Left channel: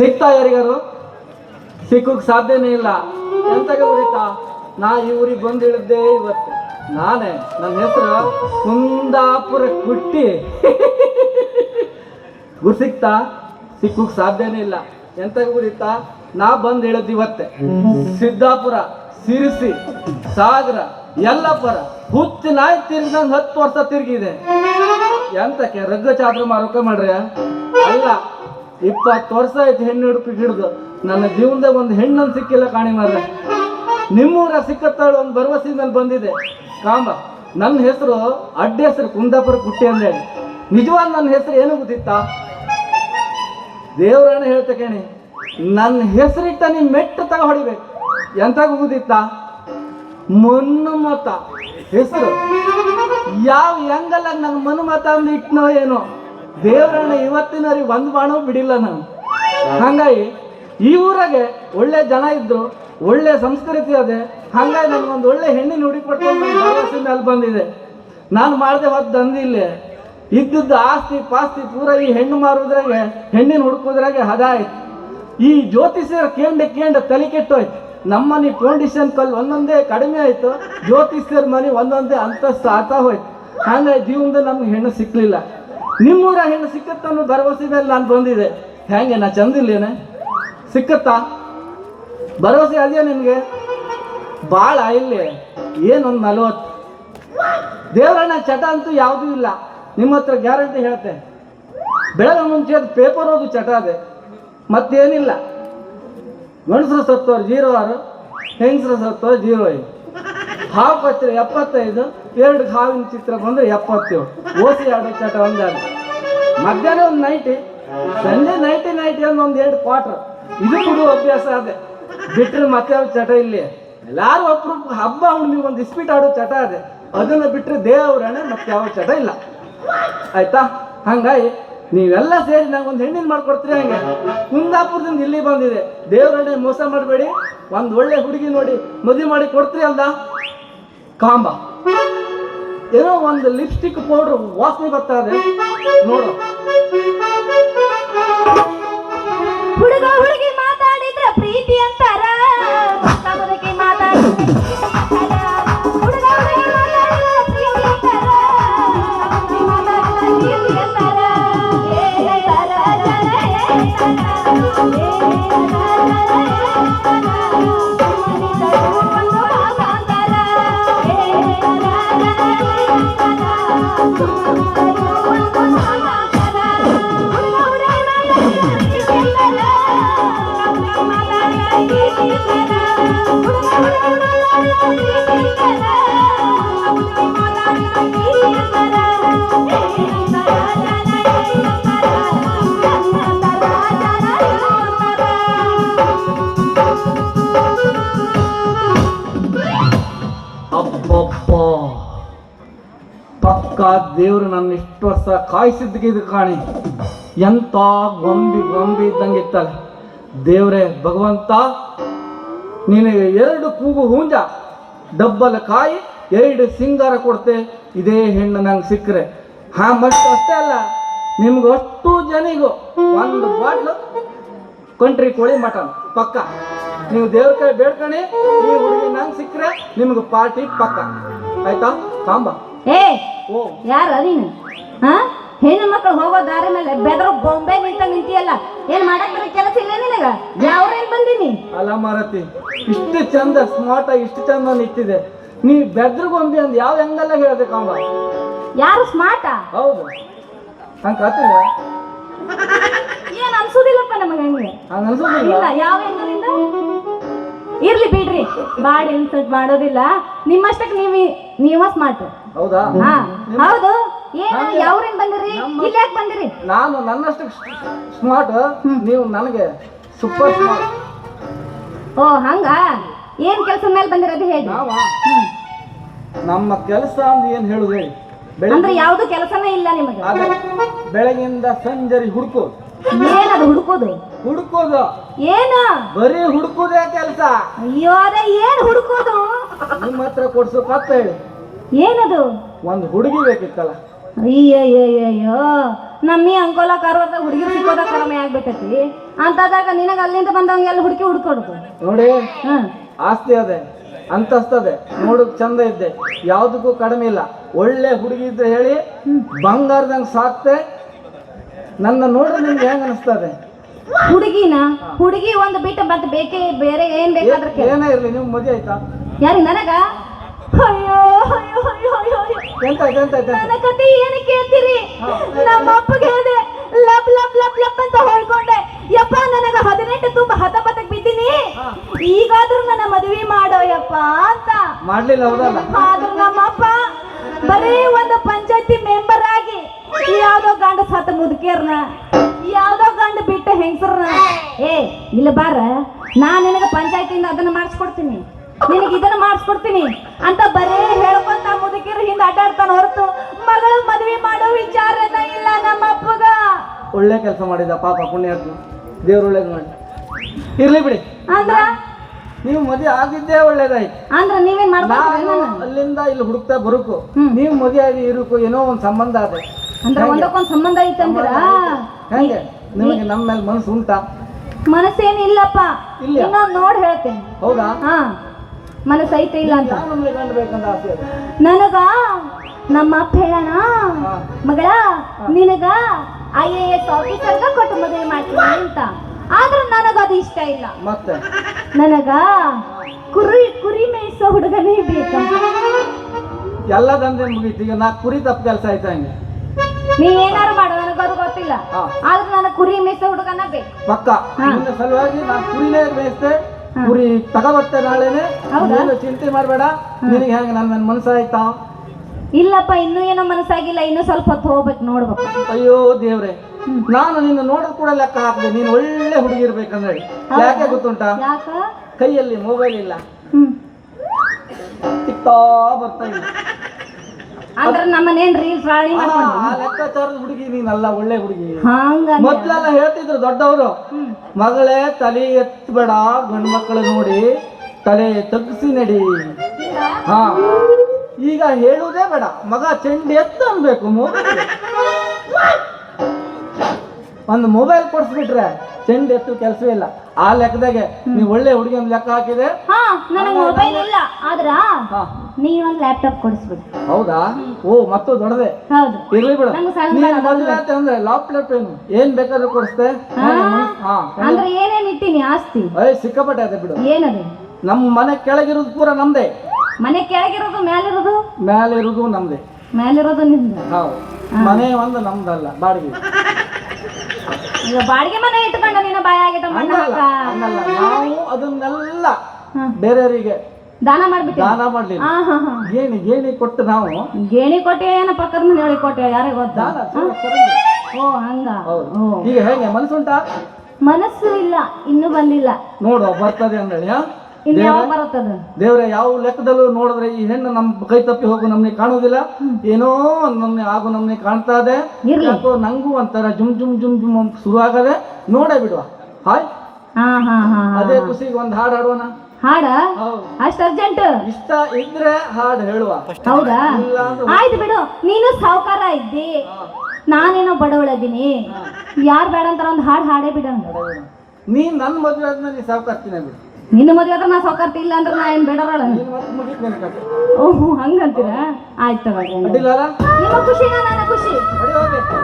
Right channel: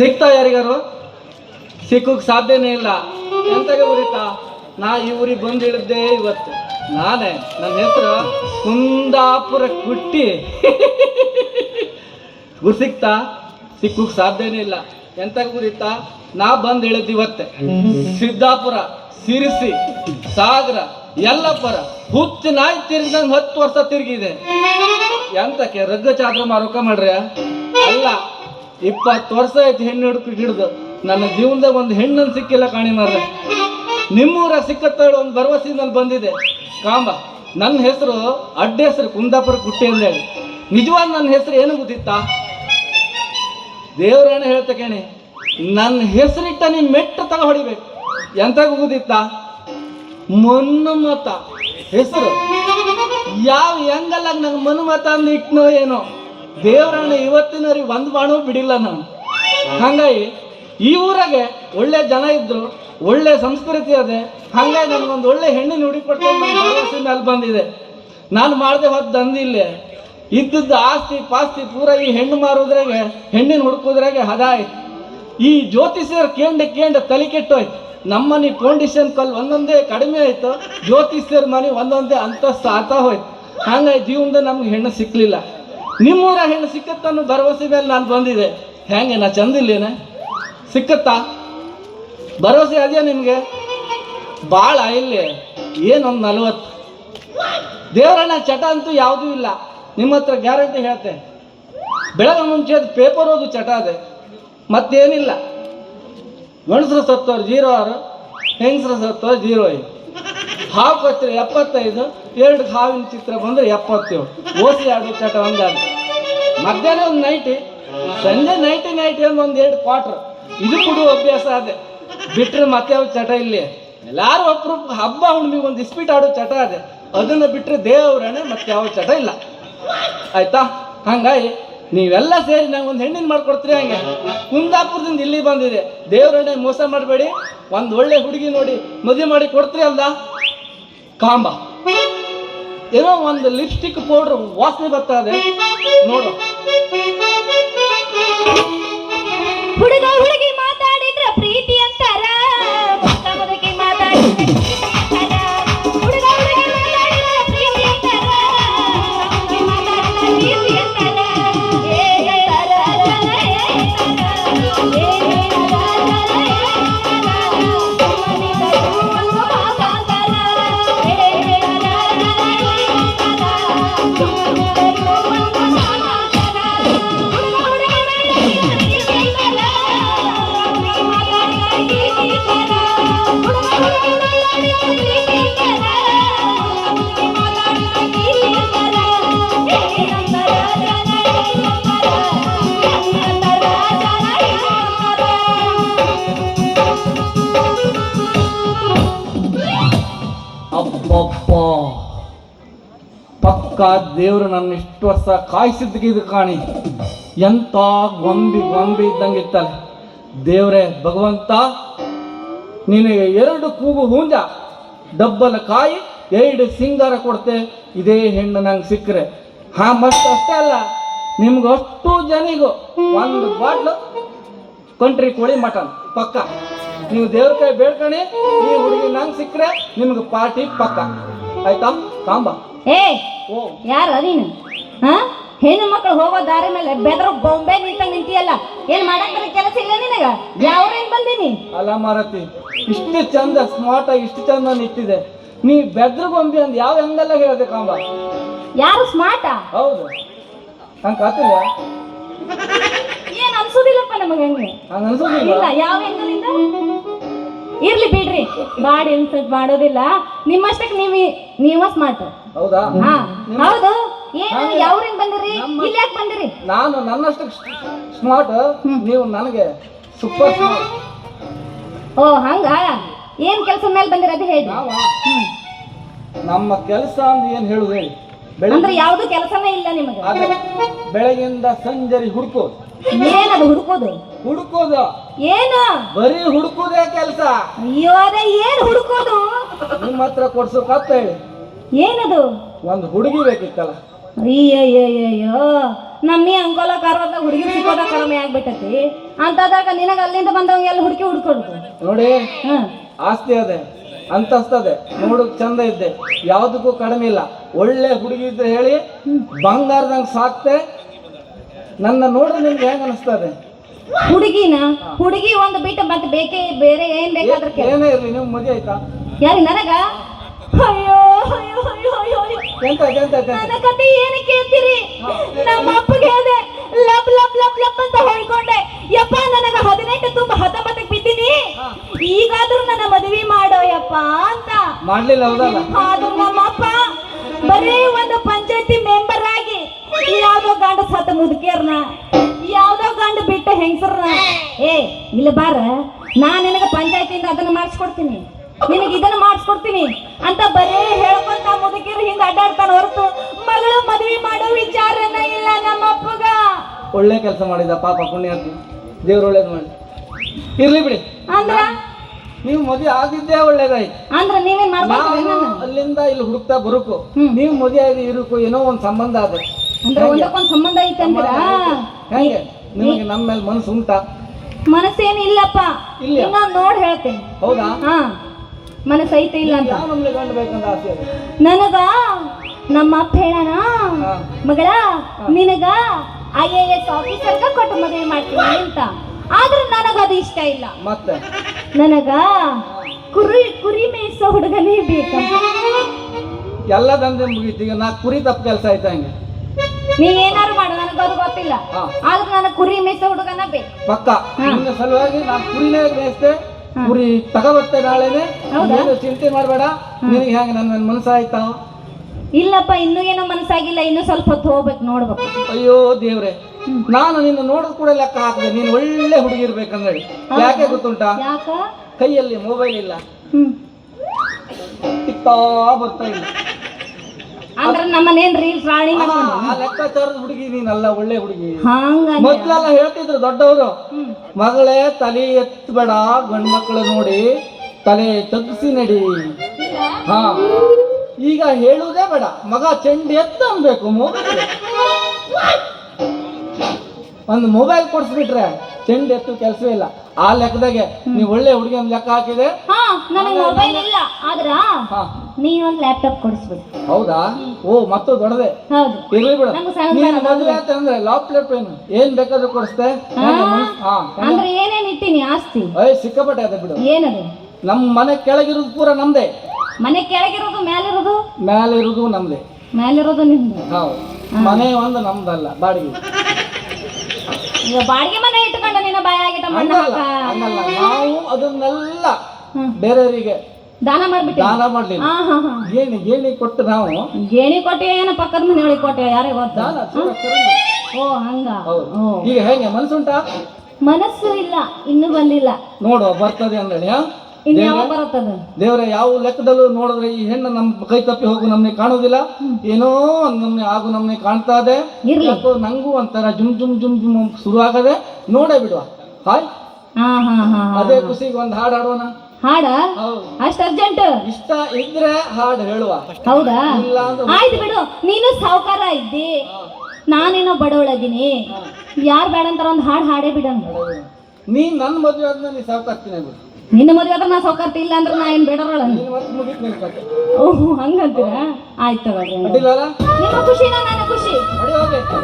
ಸಿಗ್ತಾ ಯಾರಿಗಾರು ಸಿಕ್ಕಕ್ಕೆ ಸಾಧ್ಯನೇ ಇಲ್ಲ. ಎಂತಾಗ ಬರೀತಾ ನಾ ಈ ಊರಿಗೆ ಬಂದು ಇಳಿದ್ದೆ ಇವತ್ತು. ನಾನೇ, ನನ್ನ ಹೆಸರು ಕುಂದಾಪುರ ಕುಟ್ಟಿ. ಗುರು ಸಿಕ್ತಾ ಸಿಕ್ಕಕ್ಕೆ ಸಾಧ್ಯನೇ ಇಲ್ಲ. ಎಂತಾಗ ಬರೀತಾ ನಾ ಬಂದು ಇಳಿದ್ ಇವತ್ತೆ. ಸಿದ್ದಾಪುರ, ಸಿರಿಸಿ, ಸಾಗರ, ಯಲ್ಲಪ್ಪರ ಹುಚ್ಚು ನಾಯಿ ತಿರ್ಗಿದಂಗೆ 10 ವರ್ಷ ತಿರುಗಿದೆ. ಎಂತಕ್ಕೆ ರಗ್ಗ ಚಾದ್ರ ಮಾರೋಕ ಮಾಡ್ರಿ? ಅಲ್ಲ, 20 ವರ್ಷ ಆಯ್ತು ಹೆಣ್ಣು ಹಿಡಿದು ನನ್ನ ಜೀವನದಾಗ ಒಂದು ಹೆಣ್ಣನ್ನು ಸಿಕ್ಕಿಲ್ಲ ಕಾಣಿ ಮಾರ್ರೆ. ನಿಮ್ಮೂರ ಸಿಕ್ಕತ್ತಾಳು ಒಂದು ಭರವಸೆನಲ್ಲಿ ಬಂದಿದೆ ಕಾಂಬ. ನನ್ನ ಹೆಸರು ಅಡ್ಡ ಹೆಸರು ಕುಂದಾಪುರ ಕುಟ್ಟಿ ಅಂದೇಳಿ. ನಿಜವಾದ ನನ್ನ ಹೆಸರು ಏನು ಗೊತ್ತಿತ್ತಾ? ದೇವರನ್ನ ಹೇಳ್ತೆ ಕೇಳಿ, ನನ್ನ ಹೆಸರಿಟ್ಟ ನೀ ಮೆಟ್ಟ ತಗ ಹೊಡಿಬೇಕು. ಎಂತಾಗ ಗೊತ್ತಿತ್ತಾ? ಮನ್ಮತ ಹೆಸರು. ಯಾವ ಹೆಂಗಲ್ಲ ನನ್ನ ಮನ್ಮತ ಅಂದು ಇಟ್ನೋ ಏನೋ, ದೇವರನ್ನ ಇವತ್ತಿನವ್ರಿಗೆ ಒಂದು ಬಾಣೋ ಬಿಡಿಲ್ಲ ನಾನು. ಹಂಗಾಗಿ ಈ ಊರಾಗೆ ಒಳ್ಳೆ ಜನ ಇದ್ರು, ಒಳ್ಳೆ ಸಂಸ್ಕೃತಿ ಅದೇ. ಹಂಗಾಗಿ ನನಗೊಂದು ಒಳ್ಳೆ ಹೆಣ್ಣಿನ ಹುಡುಕೊಡ್ತೇನೆ ಮೇಲೆ ಬಂದಿದೆ. ನಾನು ಮಾಡದೆ ಹೊತ್ತು ದಂದಿಲ್ಲೇ ಇದ್ದದ್ದು ಆಸ್ತಿ ಪಾಸ್ತಿ ಪೂರ ಈ ಹೆಣ್ಣು ಮಾರೋದ್ರಾಗೆ, ಹೆಣ್ಣಿನ ಹುಡುಕೋದ್ರಾಗೆ ಹದ ಆಯ್ತು. ಈ ಜ್ಯೋತಿಷ್ಯರ ಕೇಂಡ ತಲೆ ಕೆಟ್ಟೋಯ್ತು. ನಮ್ಮನೆ ಫೌಂಡೇಶನ್ ಕಲ್ಲು ಒಂದೊಂದೇ ಕಡಿಮೆ ಆಯಿತು, ಜ್ಯೋತಿಷ್ಯರ ಮನೆ ಒಂದೊಂದೇ ಅಂತಸ್ತು ಆತ ಹೋಯ್ತು. ಹಂಗಾಗಿ ಜೀವನದಲ್ಲಿ ನಮ್ಗೆ ಹೆಣ್ಣು ಸಿಕ್ಕಲಿಲ್ಲ. ನಿಮ್ಮೂರ ಹೆಣ್ಣು ಸಿಕ್ಕತ್ತನ್ನು ಭರವಸೆ ಮೇಲೆ ನಾನು ಬಂದಿದೆ. ಹೆಂಗೆ ನಾ ಚಂದಿಲ್ಲೇನೆ? ಸಿಕ್ಕತ್ತಾ? ಭರವಸೆ ಅದೆಯಾ ನಿಮಗೆ? ಭಾಳ ಇಲ್ಲಿ ಏನೊಂದು 40. ದೇವರನ್ನ ಚಟ ಅಂತೂ ಯಾವುದೂ ಇಲ್ಲ. ನಿಮ್ಮ ಹತ್ರ ಗ್ಯಾರಂಟಿ ಹೇಳ್ತೆ. ಬೆಳಗ್ಗೆ ಮುಂಚೆ ಅದು ಪೇಪರ್ ಓದು ಚಟ ಅದೇ, ಮತ್ತೇನಿಲ್ಲ. ಗಂಡಸರು ಸತ್ತೋರು 06, ಹೆಂಗಸರು ಸತ್ತೋರು 05. ಹಾವು ಕತ್ತಿರ 75, 2 ಹಾವಿನ ಚಿತ್ರ ಬಂದರೆ 77. ಓಸಿ ಆಡೋ ಚಟ ಒಂದಾದ. ಮಧ್ಯಾಹ್ನ ಒಂದು ನೈಟಿ, ಸಂಜೆ ನೈಟಿ ಅಂದ್ರೆ ಒಂದು 2 ಕ್ವಾರ್ಟರ್. ಇದು ಕೂಡ ಅಭ್ಯಾಸ ಅದೇ. ಬಿಟ್ಟರೆ ಮತ್ತೆ ಯಾವ ಚಟ ಇಲ್ಲಿ. ಎಲ್ಲರೂ ಒಬ್ಬರು ಹಬ್ಬ ಹುಣ್ಣಿಗೆ ಒಂದು ಇಸ್ಪೀಟ್ ಆಡೋ ಚಟ ಅದೇ. ಅದನ್ನು ಬಿಟ್ಟರೆ ದೇವರಣೆ ಮತ್ತೆ ಯಾವ ಚಟ ಇಲ್ಲ. ಆಯ್ತಾ? ಹಂಗಾಗಿ ನೀವೆಲ್ಲ ಸೇರಿ ನಂಗೆ ಒಂದು ಹೆಣ್ಣಿನ ಮಾಡ್ಕೊಡ್ತೀರಿ. ಹಂಗೆ ಕುಂದಾಪುರದಿಂದ ಇಲ್ಲಿ ಬಂದಿದೆ. ದೇವರಣೆ ಮೋಸ ಮಾಡಬೇಡಿ. ಒಂದು ಒಳ್ಳೆ ಹುಡುಗಿ ನೋಡಿ ಮದುವೆ ಮಾಡಿ ಕೊಡ್ತೀರಿ ಅಲ್ದ ಕಾಂಬ. ಏನೋ ಒಂದು ಲಿಪ್ಸ್ಟಿಕ್ ಪೌಡ್ರ್ ವಾಸನೆ ಬರ್ತಾ ಇದೆ ನೋಡು. ಹುಡುಗ ಹುಡುಗಿ ಮಾತಾಡಿದ್ರ ಪ್ರೀತಿ ಅಂತಾರ, ಮುದುಕಿ ಮಾತಾಡಿದ್ರೆ ಹುಡುಗ ಹುಡುಗಿ ಮಾತಾಡಿದ್ರ ಪ್ರೀತಿ ಅಂತಾರ, ಮುದುಕಿ ಮಾತಾಡಿದ್ರ ಪ್ರೀತಿ ಅಂತಾರ. ಅಬ್ಬಬ್ಬ, ಪಕ್ಕ ದೇವರು ನನ್ನ ಇಷ್ಟು ವರ್ಷ ಕಾಯಿಸಿದ್ದಕ್ಕೆ ಇದು ಕಾಣಿ. ಎಂತ ಗೊಂಬಿ ಇದ್ದಂಗೆ ಇತ್ತಲ್ಲ. ದೇವ್ರೆ ಭಗವಂತ, ನಿನಗೆ 2 ಕೂಗು ಹೂಂಜ, ಡಬ್ಬಲ ಕಾಯಿ, 2 ಸಿಂಗಾರ ಕೊಡ್ತೆ. ಇದೇ ಹೆಣ್ಣು ನಂಗೆ ಸಿಕ್ಕರೆ ಅಷ್ಟೇ ಅಲ್ಲ, ನಿಮ್ಗೆ ಅಷ್ಟು ಜನಿಗೂ 1 ಬಾಟ್ಲು ಕಂಟ್ರಿ ಕೋಳಿ ಮಟನ್ ಪಕ್ಕ. ನೀವು ದೇವ್ರ ಕೈ ಬೇಡ್ಕಣಿ, ಈ ಹುಡುಗಿ ನಂಗೆ ಸಿಕ್ಕರೆ ನಿಮ್ಗೆ ಪಾರ್ಟಿ ಪಕ್ಕ. ಆಯ್ತಾ ಕಾಂಬ? ಓ ಯಾರು ನೀನು? ಹೆಣ್ಣು ಮಕ್ಕಳು ಹೋಗೋ ದಾರಿ ಮೇಲೆ ಬೆದರು ಗೊಂಬೆ ನಿಂತಿಯಲ್ಲ, ಏನ್ ಮಾಡಕ್ಕ ಕೆಲಸ ಇಲ್ಲ ನಿನಗ? ಯಾವ್ರೇನ್ ಬಂದೀನಿ? ಅಲ್ಲ ಮಾರತಿ, ಇಷ್ಟು ಚಂದ ಸ್ಮಾರ್ಟ್ ಆಗಿ ಇಷ್ಟು ಚಂದ ನಿಂತಿದೆ. ನೀ ಬೆದ್ರ ಗೊಂಬೆ ಅಂದ್ ಯಾವ ಹೆಂಗಲ್ಲ ಹೇಳಿದೆ ಕಾಂಬ? ಯಾರು ಸ್ಮಾರ್ಟಾ? ಹೌದು, ಹಂಗ ಕಾತಿಲ್ಲ. ಏನ್ ಅನ್ಸುದಿಲ್ಲಪ್ಪ ನಮಗ. ಹಂಗೆ ಹಂಗ ಅನ್ಸೋದಿಲ್ಲ. ಇಲ್ಲ, ಯಾವ ಹೆಂಗಲಿಂದ ಇರ್ಲಿ ಬಿಡ್ರಿ, ಮಾಡಿ ಇನ್ಸಲ್ಟ್ ಮಾಡೋದಿಲ್ಲ. ನಿಮ್ಮಷ್ಟಕ್ಕೆ ನೀವ ಸ್ಮಾರ್ಟ್. ಹೌದಾ? ಹೌದು. ಏನು ಯಾವ್ರೇನ್ ಬಂದಿರಿ? ಇಲ್ಲಿ ಯಾಕೆ ಬಂದಿರಿ? ನಾನು ನನ್ನಷ್ಟು ಸ್ಮಾರ್ಟ್, ನೀವು ನನಗೆ ಸೂಪರ್ ಸ್ಮಾರ್ಟ್. ಓ ಹಂಗ? ಏನ್ ಕೆಲಸ ಮೇಲೆ ಬಂದಿರ ಅದು ಹೇಳಿ. ನಮ್ಮ ಕೆಲಸ ಅಂದ್ರೆ ಏನ್ ಹೇಳುದು ಹೇಳಿ? ಅಂದ್ರೆ ಯಾವ್ದು ಕೆಲಸನೇ ಇಲ್ಲ ನಿಮಗೆ? ಬೆಳಗಿಂದ ಸಂಜೆ ಹುಡುಕೋದು. ಏನದು ಹುಡುಕೋದು? ಏನು? ಬರೀ ಹುಡುಕೋದೇ ಕೆಲಸ. ಅಯ್ಯೋ ಅದೇ ಏನ್ ಹುಡುಕೋದು? ನಿಮ್ಮ ಹತ್ರ ಕೊಡ್ಸೋಕತ್ತ ಹೇಳಿ. ಏನದು? ಒಂದು ಹುಡುಗಿ ಬೇಕಿತ್ತಲ್ಲ. ಅಯ್ಯಯ್ಯಯ್ಯೋ, ನಮ್ಮಿ ಅಂಕೋಲ ಕಾರವಾರ ಹುಡುಗಿ ಸಿಕ್ಕೋದ ಕಡಿಮೆ ಆಗ್ಬಿಟ್ಟೈತಿ ಅಂತದಾಗ ನಿನಗ ಅಲ್ಲಿಂದ ಬಂದವಂಗ ಎಲ್ಲ ಹುಡುಕಿ ಹುಡ್ಕೊಡುದು. ನೋಡಿ ಹ್ಮ್ ಆಸ್ತಿ ಅದೇ ಅಂತಸ್ತದೆ ನೋಡಕ್ ಚಂದ ಇದ್ದೆ ಯಾವ್ದಕ್ಕೂ ಕಡಿಮೆ ಇಲ್ಲ. ಒಳ್ಳೆ ಹುಡುಗಿ ಇದ್ರೆ ಹೇಳಿ ಬಂಗಾರದಂಗೆ ಸಾಕ್ತೆ. ನನ್ನ ನೋಡ್ರಿ ನಿಮ್ಗೆ ಹೆಂಗ ಅನಿಸ್ತದೆ? ಹುಡುಗಿನ ಹುಡುಗಿ ಒಂದು ಬಿಟ್ಟು ಮತ್ತೆ ಬೇಕೇ ಬೇರೆ ಏನ್ ಬೇಕಾದ್ರೆ ಕೇಳು. ಏನೇ ಇರ್ಲಿ ನಿಮ್ಗೆ ಮದುವೆ ಆಯ್ತಾ? ಯಾರಿ ನನಗ? ಅಯ್ಯೋ ಅಯ್ಯೋ ಅಯ್ಯೋ ಅಯ್ಯೋ ಅಯ್ಯೋ. ಎಂತ ಆಯ್ತು, ಎಂತ ಆಯ್ತು? ನನ್ನ ಕತೆ ಏನು ಕೇಳ್ತೀರಿ? ನಮ್ಮ ಅಪ್ಪಗೆ ಹೇಳಿದೆ ಲಪ್ ಲಪ್ ಲಪ್ ಲಪ್ ಅಂತ ಹೇಳ್ಕೊಂಡೆ. ಯಪ್ಪ ನನಗ 18 ತುಂಬ 19ಕ್ಕೆ ಬಿದ್ದೀನಿ, ಈಗಾದ್ರೂ ನನ್ನ ಮದುವೆ ಮಾಡೋ ಯಪ್ಪ ಅಂತ ಮಾಡ್ಲಿಲ್ಲ ಹೌದಲ್ಲ? ಆದ್ರೂ ನಮ್ಮಪ್ಪ ಬರೀ ಒಂದು ಪಂಚಾಯತಿ ಮೆಂಬರ್ ಆಗಿ ಯಾವ್ದೋ ಗಂಡ ಸತ್ತ ಮುದುಕಿಯರ್ನ ಯಾವ್ದೋ ಗಂಡ ಬಿಟ್ಟ ಹೆಂಗಸರ್ನ ಏ ಇಲ್ಲ ಬಾರ ನಾ ನಿನಗ ಪಂಚಾಯತಿಯಿಂದ ಅದನ್ನ ಮಾಡಿಸ್ಕೊಡ್ತೀನಿ, ನಿನಗೆ ಇದನ್ನ ಮಾಡಿಸ್ಕೊಡ್ತೀನಿ ಅಂತ ಬರೇ ಹೇಳ್ಕೊಂತ ಮುದುಕಿರು ಹಿಂದೆ ಅಡ್ಡಾಡ್ತಾನ ಹೊರತು ಮಗಳು ಮದುವೆ ಮಾಡೋ ವಿಚಾರನ ಇಲ್ಲ ನಮ್ಮ ಅಪ್ಪಗ. ಒಳ್ಳೆ ಕೆಲಸ ಮಾಡಿದ ಪಾಪ ಪುಣ್ಯಾತ್ಮ, ದೇವ್ರು ಒಳ್ಳೇದು ಮಾಡಿ. ಇರ್ಲಿ ಬಿಡಿ, ಅಂದ್ರ ನೀವು ಮದುವೆ ಆಗಿದ್ದೇ ಒಳ್ಳೇದಾಯ್ತು. ಅಂದ್ರ ನೀವೇನ್ ಮಾಡ್ಬೇಕು? ನಾನು ಅಲ್ಲಿಂದ ಇಲ್ಲಿ ಹುಡುಕ್ತಾ ಬರುಕು, ಹ್ಮ್. ನೀವು ಮದುವೆ ಆಗಿ ಇರುಕು ಏನೋ ಒಂದು ಸಂಬಂಧ ಅದೇ. ಅಂದ್ರ ಒಂದಕ್ಕೊಂದ್ ಸಂಬಂಧ ಐತೆ ಅಂದ್ರ ಹೆಂಗೆ ನಿಮಗೆ ನಮ್ಮ ಮೇಲೆ ಮನಸ್ಸು ಉಂಟಾ? ಮನಸ್ಸೇನಿಲ್ಲಪ್ಪ, ಇಲ್ಲ. ಇನ್ನೊಂದ್ ನೋಡ್ ಹೇಳ್ತೇನೆ. ಹೌದಾ? ಹಾ ಮನಸ್ಸು ಐತೆ ಇಲ್ಲ ಅಂತ ಯಾವ ನಮ್ಗೆ ಗಂಡ ಬೇಕಂತ ಆಸೆ ಅದ? ನನಗ ನಮ್ಮ ಅಪ್ಪ ಹೇಳಣ ಹಾ. ಮಗಳ ನಿನಗ IAS ಆಫೀಸರ್ಗ ಕೊಟ್ಟು ಮದುವೆ ಮಾಡ್ತೀನಿ ಅಂತ. ಆದ್ರೂ ನನಗ ಅದು ಇಷ್ಟ ಇಲ್ಲ. ಮತ್ತೆ ನನಗ ಕುರಿ ಮೇಯಿಸೋ ಹುಡುಗನೇ ಬೇಕಂತ. ಎಲ್ಲ ದಂಧೆ ಮುಗೀತು, ಈಗ ನಾ ಕುರಿ ತಪ್ಪು ಕೆಲಸ ಆಯ್ತಾ ಹಂಗೆ? ನೀ ಏನಾರು ಮಾಡು ನನಗದು ಗೊತ್ತಿಲ್ಲ, ಹಾ. ಆದ್ರೂ ನನಗೆ ಕುರಿ ಮೇಯಿಸೋ ಹುಡುಗನ ಬೇಕು. ಪಕ್ಕ ಹಾ. ನಿನ್ನ ಸಲುವಾಗಿ ನಾನು ಕುರಿನೇ ಬೇಯಿಸ್ತೆ, ಹಾ. ಕುರಿ ತಗೋಬರ್ತೆ ನಾಳೆನೆ. ಹೌದಾ? ನೀನು ಚಿಂತೆ ಮಾಡಬೇಡ. ನಿನಗೆ ಹೆಂಗೆ ನನ್ನ ಮನಸ್ಸಾಯ್ತಾ? ಇಲ್ಲಪ್ಪ ಇನ್ನೂ ಏನೋ ಮನಸ್ಸಾಗಿಲ್ಲ, ಇನ್ನೂ ಸ್ವಲ್ಪ ಹೊತ್ತು ಹೋಗ್ಬೇಕು ನೋಡ್ಬೇಕು. ಅಯ್ಯೋ ದೇವ್ರೆ, ನಾನು ನಿನ್ನ ನೋಡೋದು ಕೂಡ ಲೆಕ್ಕ ಹಾಕಿದೆ. ನೀನು ಒಳ್ಳೆ ಹುಡುಗಿ ಇರ್ಬೇಕಂದೇಳಿ. ಯಾಕೆ ಗೊತ್ತುಂಟಾ? ಯಾಕ? ಕೈಯಲ್ಲಿ ಮೊಬೈಲ್ ಇಲ್ಲ, ಹ್ಮ್ ತಿಕ್ತಾ ಬರ್ತಾ ಇಲ್ಲ. ಅಂದ್ರ ನಮ್ಮನೇನ್ ರೀಲ್ಸ್ ರಾಣಿ ಆ ಲೆಕ್ಕಾಚಾರದ ಹುಡುಗಿ ನೀನಲ್ಲ, ಒಳ್ಳೆ ಹುಡುಗಿ. ಹಂಗ ಮೊದ್ಲೆಲ್ಲ ಹೇಳ್ತಿದ್ರು ದೊಡ್ಡವರು, ಮಗಳೇ ತಲೆ ಎತ್ತಬೇಡ, ಗಂಡು ಮಕ್ಕಳು ನೋಡಿ ತಲೆ ತಗ್ಗಿಸಿ ನಡಿ. ಹಾ, ಈಗ ಹೇಳುವುದೇ ಬೇಡ, ಮಗ ಚೆಂಡು ಎತ್ತು ಅನ್ಬೇಕು. ಒಂದು ಮೊಬೈಲ್ ಕೊಡ್ಸ್ಬಿಟ್ರೆ ಚೆಂಡು ಎತ್ತು ಕೆಲಸವೇ ಇಲ್ಲ. ಆ ಲೆಕ್ಕದಾಗೆ ನೀವು ಒಳ್ಳೆ ಹುಡುಗಿ ಒಂದು ಲೆಕ್ಕ ಹಾಕಿದೆ. ಹಾ ನನಗೆ ಮೊಬೈಲ್ ಇಲ್ಲ, ಆದ್ರ ಹಾ, ನೀವೊಂದು ಲ್ಯಾಪ್ಟಾಪ್ ಕೊಡಿಸ್ಬಿಡು. ಹೌದಾ? ಓ, ಮತ್ತು ದೊಡ್ಡದೆ ಹೌದು, ಇರ್ಲಿ ಬಿಡ. ನಂಗೆ ಸಣ್ಣ ನೀನ್ ಮದುವೆ ಅಂತ ಅಂದ್ರೆ ಲ್ಯಾಪ್ಟಾಪ್ ಏನು ಏನ್ ಬೇಕಾದ್ರೂ ಕೊಡಿಸ್ತೆ. ಹಾ, ಅಂದ್ರೆ ಏನೇನ್ ಇಟ್ಟಿನಿ ಆಸ್ತಿ? ಸಿಕ್ಕಾಪಟ್ಟೆ ಅದೇ ಬಿಡು. ಏನದು? ನಮ್ಮ ಮನೆ ಕೆಳಗಿರೋದು ಪೂರ ನಮ್ದೇ, ಮನೆ ಕೆಳಗಿರೋದು ಮ್ಯಾಲಿರೋದು? ಮೇಲಿರೋದು ನಮ್ದೇ. ಮ್ಯಾಲಿರೋದು ನಿಮ್ದು? ಹೌದು, ಮನೆ ಒಂದು ನಮ್ದಲ್ಲ, ಬಾಡಿಗೆ. ಈಗ ಬಾಡಿಗೆ ಮನೆ ಇಟ್ಕೊಂಡ ನಿನ್ನ ಬಾಯಾಗಿಟ್ಟ ಮಣ್ಣ ಹಂಗಲ್ಲ, ಹಾಕ. ಹಂಗಲ್ಲ. ನಾವು ಅದನ್ನೆಲ್ಲ ಹಾ. ಬೇರೆಯವರಿಗೆ ದಾನ ಮಾಡ್ಬಿಟ್ಟೆ? ದಾನ ಮಾಡ್ಲಿಲ್ಲ. ಹಾ ಹಾ ಹಾ. ಗೇಣಿ ಕೊಟ್ಟು ನಾವು ಗೇಣಿ ಕೊಟ್ಟೆ ಏನ ಪಕ್ಕದ ಮನೆ ಹೇಳಿ ಕೊಟ್ಟೆ, ಯಾರಿಗೆ ಗೊತ್ತಾ? ದಾನ ಚೂರ ಕೊಡೋದು. ಓ ಹಂಗ. ಹೌದು. ಓ. ಈಗ ಹೇಗೆ ಮನಸ್ಸುಂಟಾ? ಮನಸ್ಸು ಇಲ್ಲ, ಇನ್ನೂ ಬಂದಿಲ್ಲ. ನೋಡು ಬರ್ತದೆ ಅಂದೇಳಿ. ಇನ್ನು ಯಾವಾಗ ಬರುತ್ತದ? ದೇವ್ರೆ, ಯಾವ ಲೆಕ್ಕದಲ್ಲೂ ನೋಡಿದ್ರೆ ಈ ಹೆಣ್ಣು ನಮ್ಮ ಕೈ ತಪ್ಪಿ ಹೋಗು ನಮ್ಗೆ ಕಾಣುವುದಿಲ್ಲ. ಏನೋ ನಮ್ನೆ ಆಗು ನಮ್ನೆ ಕಾಣ್ತಾ ಇದೆ. ಇರ್ಲಿ. ಯಾಕೋ ನಂಗೂ ಒಂಥರ ಜುಮ್ ಜುಮ್ ಜುಮ್ ಜುಮ್ ಶುರು ಆಗದೆ. ನೋಡೇ ಬಿಡುವ. ಹಾಯ್, ಹಾ ಹಾ ಹಾ. ಅದೇ ಖುಷಿಗೆ ಒಂದು ಹಾಡು ಹಾಡುವನ. ಹಾಡ? ಹೌದು, ಅಷ್ಟ ಅರ್ಜೆಂಟ್? ಇಷ್ಟ ಇದ್ರೆ ಹಾಡು ಹೇಳುವ. ಹೌದಾ? ಇಲ್ಲ ಅಂದ್ರೆ ಆಯ್ತು ಬಿಡು, ನೀನು ಸಾವುಕಾರ ಇದ್ದಿ, ನಾನೇನೋ ಬಡವಳದೀನಿ. ಯಾರು ಬೇಡ ಅಂತಾರ ಒಂದು ಹಾಡು ಹಾಡೇ ಬಿಡೋಣ. ನೀನ್ ನನ್ನ ಮದುವೆ ಆದ್ಮೇಲೆ ನೀ ಸಾವುಕಾರ್ತೀನಿ ಬಿಡು. ನಿನ್ನ ಮದುವೆ ಆದ್ರೆ ನಾ ಸಾವುಕಾರ್ತಿ ಇಲ್ಲ ಅಂದ್ರೆ ನಾ ಏನ್ ಬೇಡವಳ? ನೀನು ಮತ್ತೆ ಮುಗಿತ್ ನನ್ನ ಕತೆ. ಓಹ್ ಹಂಗಂತೀರ? ಆಯ್ತು ತಗೊಳ್ರಿ. ಅಡ್ಡಿಲ್ಲ ಅಲ್ಲ? ನಿಮ್ಮ ಖುಷಿನ ನನ್ನ ಖುಷಿ. ಅಡಿ ಹೋಗ್ಬೇಕು.